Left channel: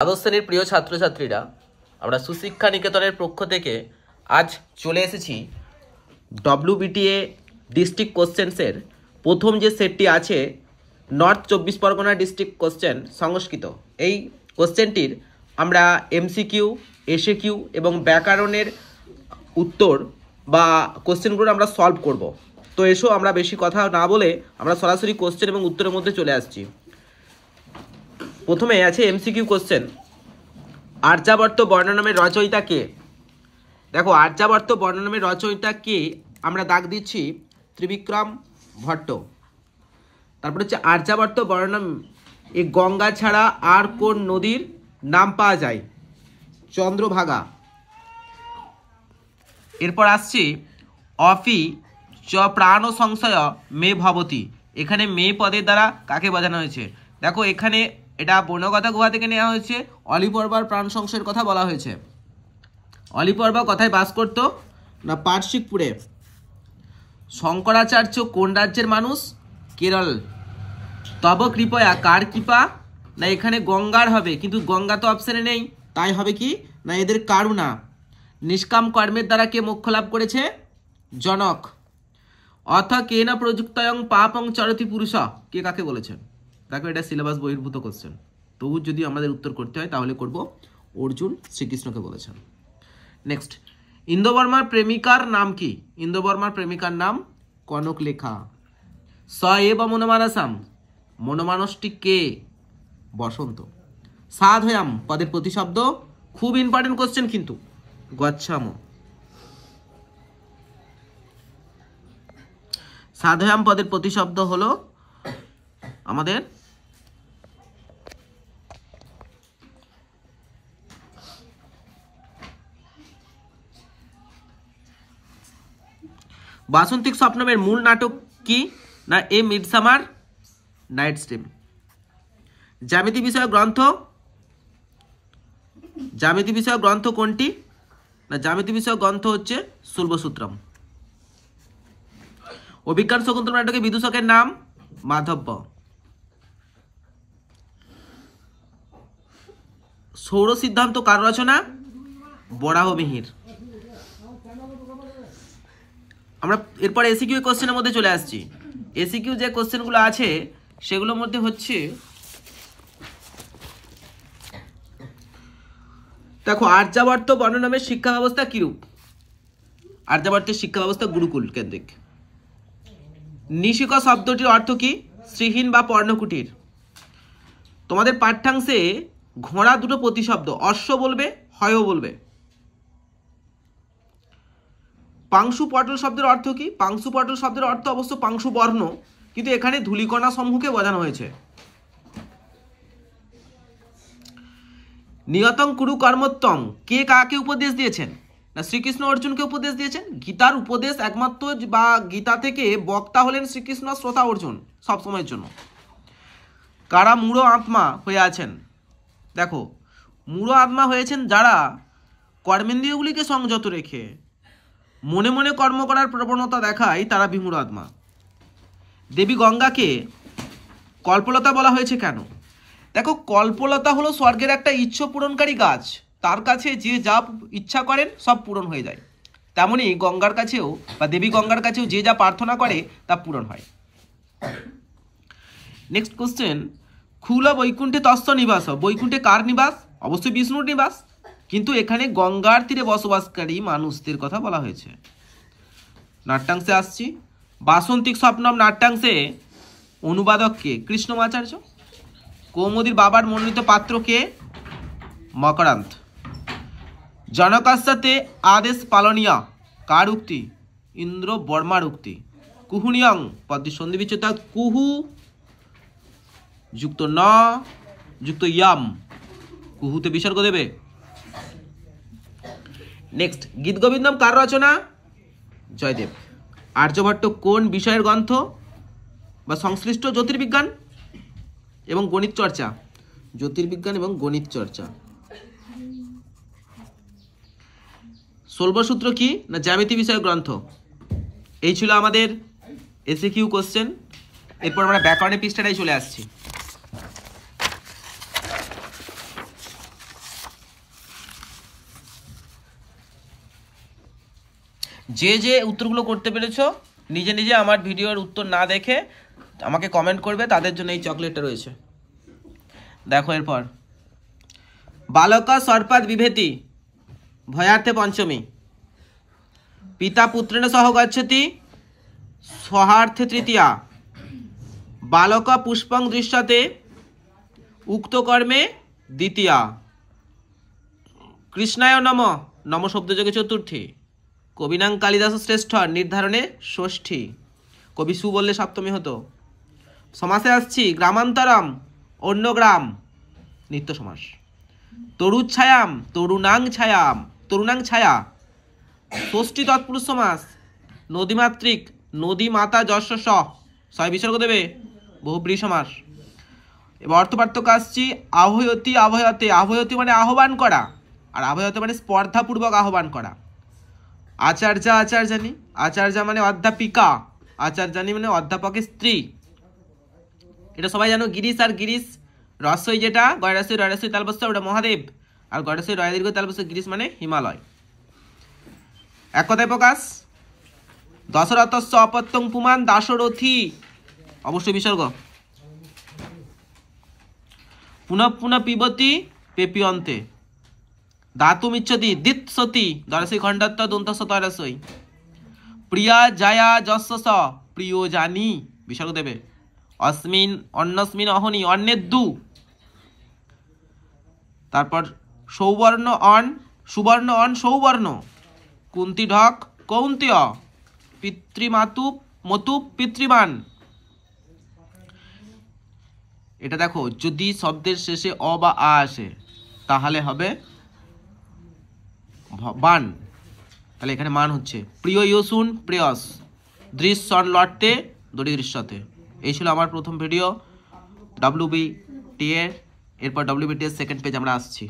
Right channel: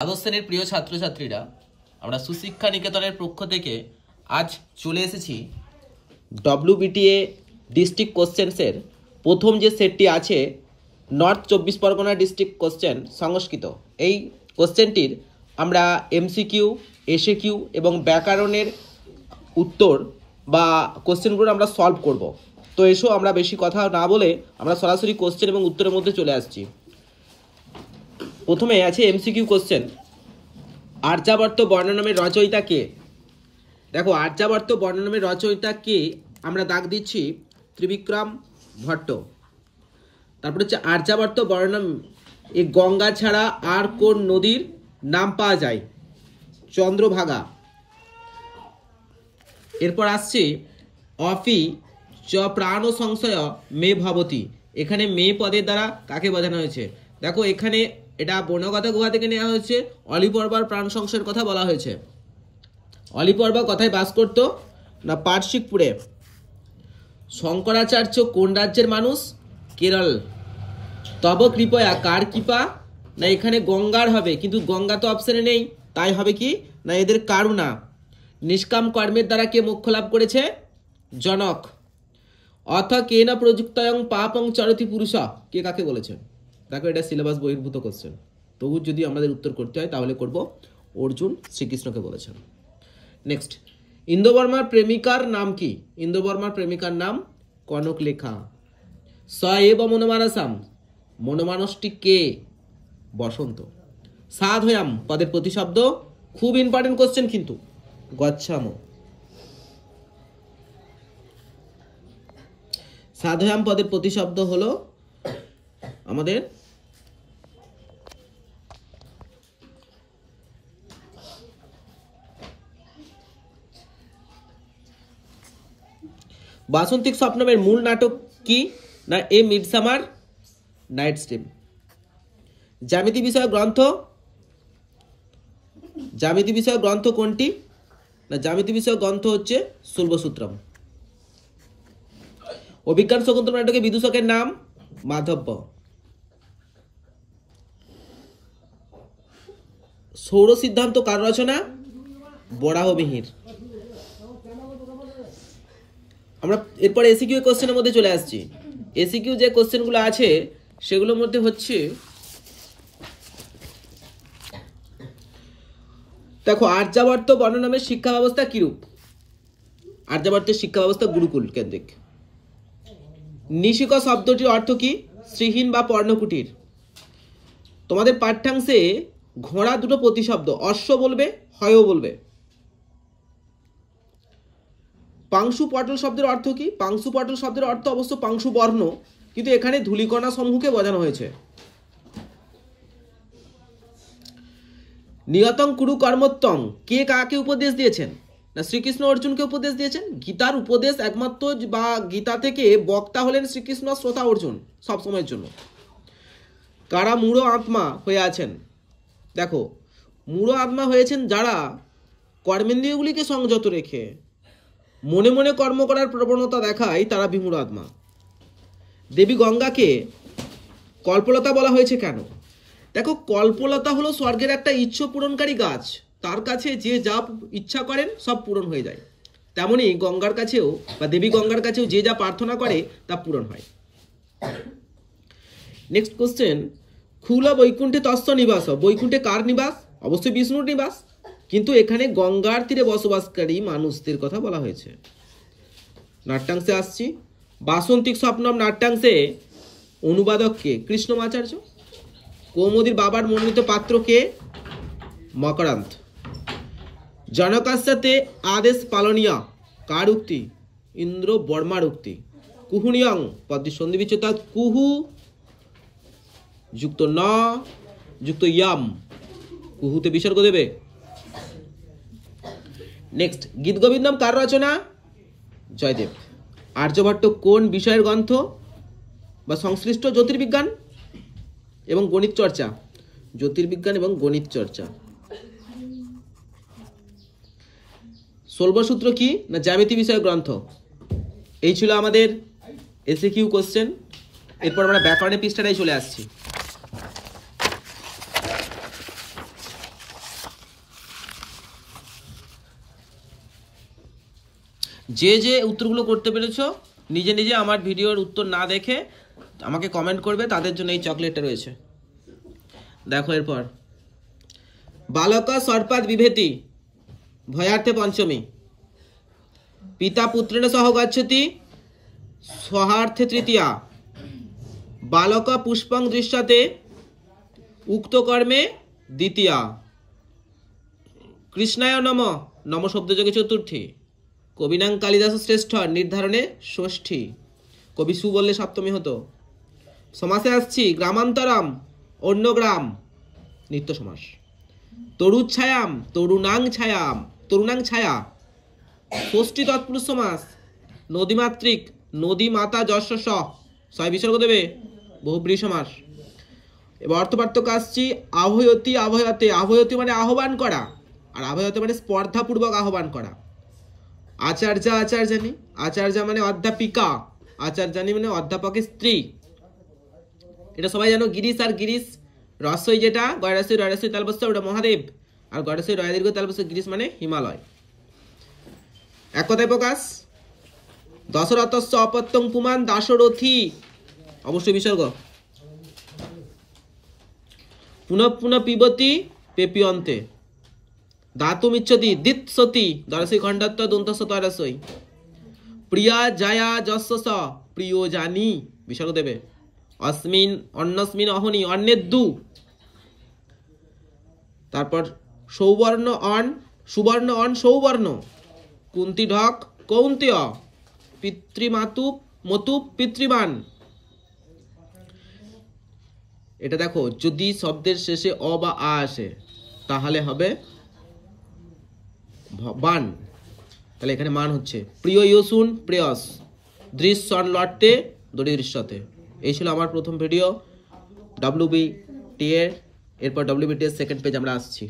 দ্বাদশ শ্রেণীর প্রিয় ছাত্রছাত্রীরা, আমরা সুশিক্ষা নিকেতনের পক্ষ থেকে আজ চলে এসেছি ডব্লিউবিটিএ ডিস্ট্রিক্ট কোশ্চেন্সের প্রথম যে সেটটি আছে নর্থ 24 পরগনা ডিস্ট্রিক্ট কোশ্চেন সংস্কৃত। এই কোশ্চেনটির আমরা এমসিকিউ, এসএকিউ এবং ব্যাকরণের উত্তর বা কোশ্চেনগুলো আমরা সলভ করব। তো এসো আমরা বেশি কথা না বলে আমরা সরাসরি কোশ্চেন এবং উত্তরের মধ্যে চলে আসছি। প্রথমে আছে এমসিকিউ কোশ্চেন, আর্যাবর্ত বর্ণনামের রচয়িতা কে? দেখো, আর্যাবর্ত বর্ণনামের রচয়িতা কে আমরা দাগ দিচ্ছি ত্রিবিক্রম ভট্ট। তারপর হচ্ছে আর্যাবর্ত বর্ণনাম এই গঙ্গা ছাড়া আর কোন নদীর নাম পাওয়া যায়? চন্দ্রভাগা। এরপর আসছে অফি চ প্রাণ সংশয় মে ভবতী। এখানে মে পদের দ্বারা কাকে বোঝানো হয়েছে? দেখো, এখানে এটা বর্ণগতা গুহা থেকে নেওয়া হয়েছে। অলিপর্বার প্রাণ সংশয়ের কথা বলা হয়েছে। অলিপর্বা কোথায় বাস করতো? না পার্শ্বিকপুরে। শঙ্করাচার্য কোন রাজ্যের মানুষ? কেরল। তব কৃপয়া কার কৃপা? না এখানে গঙ্গার হবে, কিন্তু গঙ্গা তো অপশনে নেই, তাই হবে কি না এদের কারুণা। নিষ্কাম কর্মের দ্বারা কে মোক্ষ লাভ করেছে? জনক। অথ কেন প্রযুক্তয়ং পাপং চরতি পুরুষ, কে কাকে বলেছে? দেখো, এটা সিলেবাস বহির্ভূত কোশ্চেন, তবু যদি আমাদের উত্তর করতে হয় তাহলে করব অর্জুন শ্রীকৃষ্ণকে বলেছেন। নেক্সট, ইন্দ্রবর্মার প্রেমিকার নাম কি? ইন্দ্রবর্মার প্রেমিকার নাম কনকলেখা। স এব মনমানসাম, মনমানসটি কে? বসন্ত। সাধয়াম পদের প্রতিশব্দ, খুব ইম্পর্টেন্ট কোশ্চেন কিন্তু, গচ্ছাম। সাধয়াম পদের প্রতিশব্দ হলো আমাদের বাসন্তিক স্বপ্নমের মূল নাটক কি? না এ মিডসামার নাইটস ড্রিম। জ্যামিতি বিষয়ক গ্রন্থ, জ্যামিতি বিষয়ক গ্রন্থ কোনটি? না জ্যামিতি বিষয়ক গ্রন্থ হচ্ছে শুল্বসূত্রম। অভিজ্ঞান শকুন্তল নাটকে বিদূষকের নাম মাধব্য। সৌর সিদ্ধান্ত কার রচনা? বরাহমিহির। আমরা এরপর এসিকিউ কোশ্চেনের মধ্যে চলে আসছি। এসিকিউ যে কোশ্চেনগুলো আছে সেগুলোর মধ্যে হচ্ছে, দেখো, আর্যাবর্ত বর্ণনামের শিক্ষা ব্যবস্থা কিরূপ? আর্যাবর্তের শিক্ষা ব্যবস্থা গুরুকুল কেন্দ্রিক। নিশিক শব্দটির অর্থ কি? শ্রীহীন বা পর্ণকুটির। তোমাদের পাঠ্যাংশে ঘোড়া দুটো প্রতিশব্দ, অশ্ব বলবে, হয়ও বলবে। পাংশু পটল শব্দের অর্থ কি? পাংশু পটল শব্দের অর্থ অবশ্য পাংশু বর্ণ, কিন্তু এখানে ধূলিকণা সমূহকে বোঝানো হয়েছে। নিয়তং কুরু কর্মোত্তম কে কাকে উপদেশ দিয়েছেন? না শ্রীকৃষ্ণ অর্জুনকে উপদেশ দিয়েছেন। গীতার উপদেশ একমাত্র বা গীতা থেকে বক্তা হলেন শ্রীকৃষ্ণ, শ্রোতা অর্জুন সব সময়ের জন্য। কারা মূঢ় আত্মা হয়ে আছেন? দেখো, মূঢ় আত্মা হয়েছেন যারা কর্মেন্দ্রিয়গুলিকে সংযত রেখে মনে মনে কর্ম করার প্রবণতা দেখায়, তারা বিমূঢ় আত্মা। দেবী গঙ্গাকে কল্পলতা বলা হয়েছে কেন? দেখো, কল্পলতা হলো স্বর্গের একটা ইচ্ছা পূরণকারী গাছ, তার কাছে যে যা ইচ্ছা করেন সব পূরণ হয়ে যায়। তেমনি গঙ্গার কাছেও বা দেবী গঙ্গার কাছেও যে যা প্রার্থনা করে তা পূরণ হয়। নেক্সট কোশ্চেন, খুল বৈকুণ্ঠে তস্য নিবাস। বৈকুণ্ঠে কার নিবাস? অবশ্যই বিষ্ণুর নিবাস, কিন্তু এখানে গঙ্গার তীরে বসবাসকারী মানুষদের কথা বলা হয়েছে। নাট্যাংশে আসছি। বাসন্তিক স্বপ্নম নাট্যাংশে অনুবাদক কে? কৃষ্ণমাচার্য। কৌমুদীর বাবার মনোনীত পাত্র কে? মকরান্ত। জনকাস্যতে আদেশ পালনীয় কার উক্তি? ইন্দ্র বর্মার উক্তি। কুহুনিয়ং পদ্মী সন্ধি বিচ্ছেদ, কুহু যুক্ত ন যুক্ত ইয়াম, কুহুতে বিসর্গ দেবে। নেক্সট, গীত গোবিন্দম কার রচনা? জয়দেব। আর্যভট্ট কোন বিষয়ের গ্রন্থ বা সংশ্লিষ্ট? জ্যোতির্বিজ্ঞান এবং গণিত চর্চা। জ্যোতির্বিজ্ঞান এবং গণিত চর্চা। শুল্বসূত্র কি? না জ্যামিতি বিষয়ক গ্রন্থ। এই ছিল আমাদের এসিকিউ কোশ্চেন। এরপর আমরা ব্যাকরণের পৃষ্ঠাটায় চলে আসছি। যে যে উত্তরগুলো করতে পেরেছো নিজে নিজে আমার ভিডিওর উত্তর না দেখে আমাকে কমেন্ট করবে, তাদের জন্য এই চকলেটটা রয়েছে। দেখো এরপর, বালক সর্পাদ বিভেতি ভয়ার্থে পঞ্চমী, পিতা পুত্রেণ সহ গচ্ছতি সহার্থে তৃতীয়া, বালক পুষ্পং দৃশ্যতে উক্ত কর্মে দ্বিতীয়া, কৃষ্ণায় নম নম শব্দযোগে চতুর্থী, কবিনাং কালিদাস শ্রেষ্ঠ নির্ধারণে ষষ্ঠী, কবি সু বললে সপ্তমী হতো। সমাসে আসছি, গ্রামান্তরম অন্য গ্রাম নিত্য সমাস, তরুচ্ছায়াম তরুণাং ছায়া ষষ্ঠী তৎপুরুষ সমাস, নদীমাতৃক নদী মাতা যশ ছয় বিসর্গ দেবে বহুব্রীহি সমাস। এবার অর্থপার্থক্য আসছি, আহয়তি আভয়তে, আভয়তি মানে আহ্বান করা, আর আভয়তে মানে স্পর্ধাপূর্বক আহ্বান করা। আচার্যা আচার্যানি, আচার্যা মানে অধ্যাপিকা, আচার্যানি মানে অধ্যাপকের স্ত্রী। এটা সবাই জানো। গিরিশ আর গিরিশ রস্বই যেটা গয়রাস্বই রয়রাস্বই তালবস্য ওটা মহাদেব, আর গয়রাস্বই রয় দীর্ঘ তালবস্য গিরিশ মানে হিমালয়। এক কথায় প্রকাশ, দশরথস্য অপত্যং পুমান দাশরথী অবশ্যই বিসর্গ, পুনঃ পুনঃ পিবতি পেপিয়ন্তে, দাতুমিচ্ছতি দিৎসতি দরসই খণ্ডত্ব দন্তস্য তরসই, প্রিয়া জায়া যস্য স প্রিয় জানি বিসর্গ দেবে, অস্মিন অন্নস্মিন অহনি অন্যের দু। তারপর সৌবর্ণ অন সুবর্ণ অন সৌবর্ণ, কুন্তি ঢক কৌন্তেয়, পিতৃমাতু মতু পিতৃমান। এটা দেখো, যদি শব্দের শেষে অ বা আ আসে তাহলে হবে বান, তাহলে এখানে মান হচ্ছে প্রিয় ইয়সুন প্রেয়স, দৃশ্যন লটতে দড়ি দৃশ্যতে। এই ছিল আমার প্রথম ভিডিও WBT এর। এরপর WBT এর সেকেন্ড পেজ আমরা আসছি।